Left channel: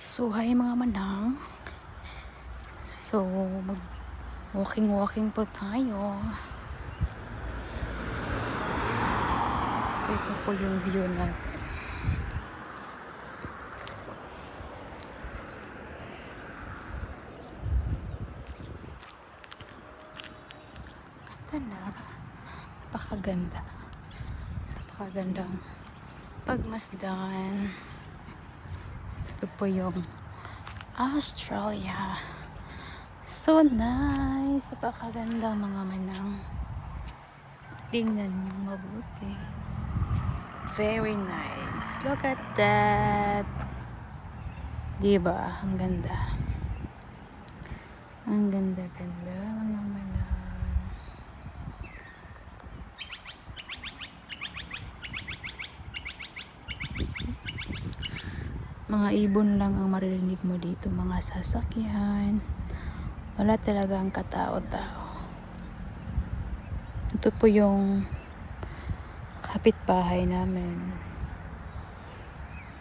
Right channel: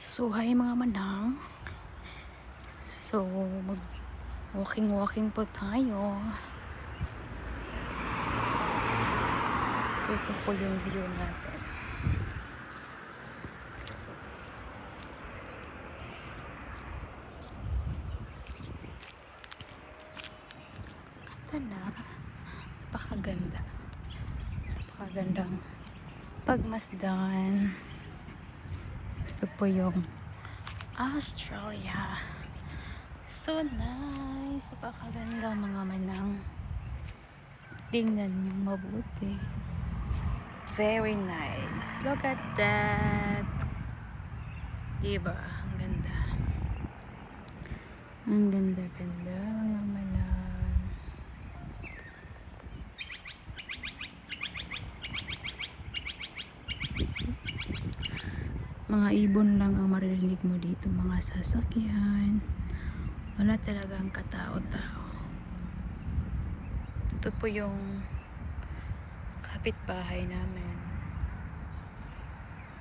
So, hi mga manang. So, mag walking po tayo. So, ito po yung view natin. Ito na. Napakaganda. Napakagandang pagmasdan. Ito po yung Australia. So nice. Napakaganda mga manang. Tingnan niyo mabuti. Very nice. Look at that. Diba? Ang ganda. Ang ganda-ganda mga manang. Mga ibon lang ang maririnig mo dito, mga sasakyan. Wala talagang katao-tao. Ito po yung kapitbahay namin.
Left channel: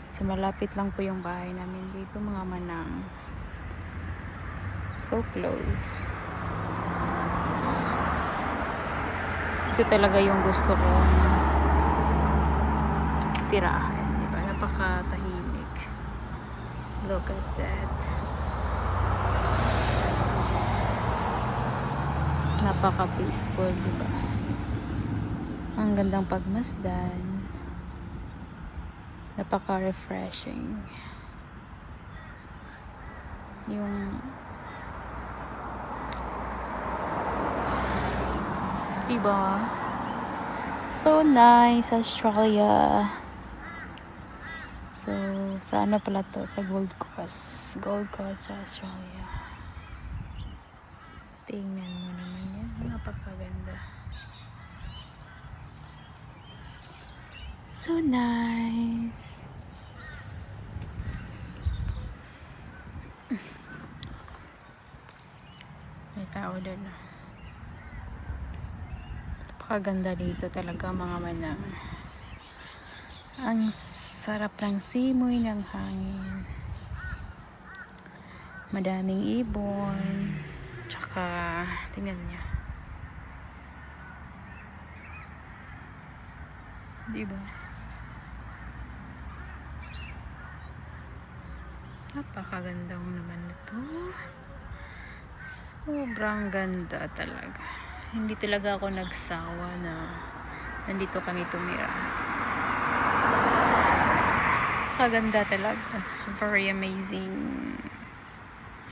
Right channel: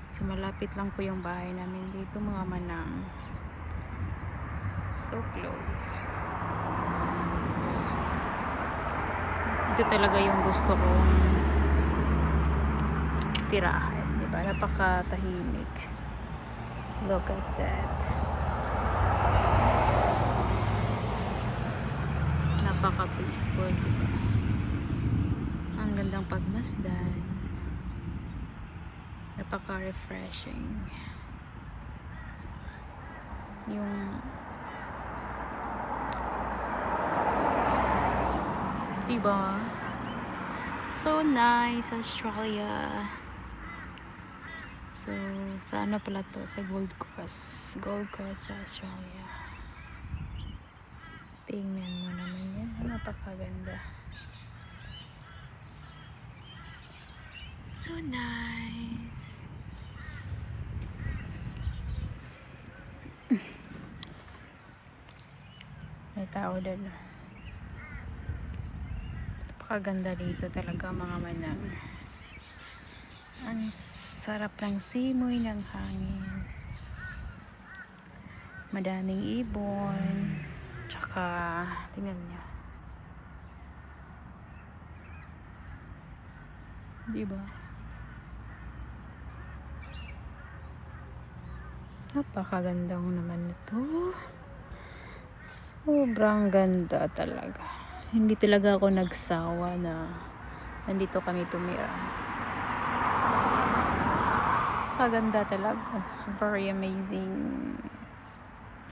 So malapit lang po yung bahay namin dito mga manang. So close. Ito talaga yung gusto kong tirahan, di ba? Napakatahimik. Look at that. Napaka-peaceful, di ba? Ang gandang pagmasdan. Napaka-refreshing. Yung diba? So nice, Australia. So, sa ano pala to? Sa Gold Coast. Gold Coast, Australia. Tingnan mo naman yan. Napakaganda. So nice. May tao doon. Napakaganda dito talaga mga manang. Ang sarap ng simoy ng hangin. Madaming ibon. Tsaka, tingnan niya. Diba? Napakaganda mo naman ito. Sobrang ganda talaga. Hindi talaga ako nagsawa na nandito kami tumira. Kaganda talaga. Very amazing.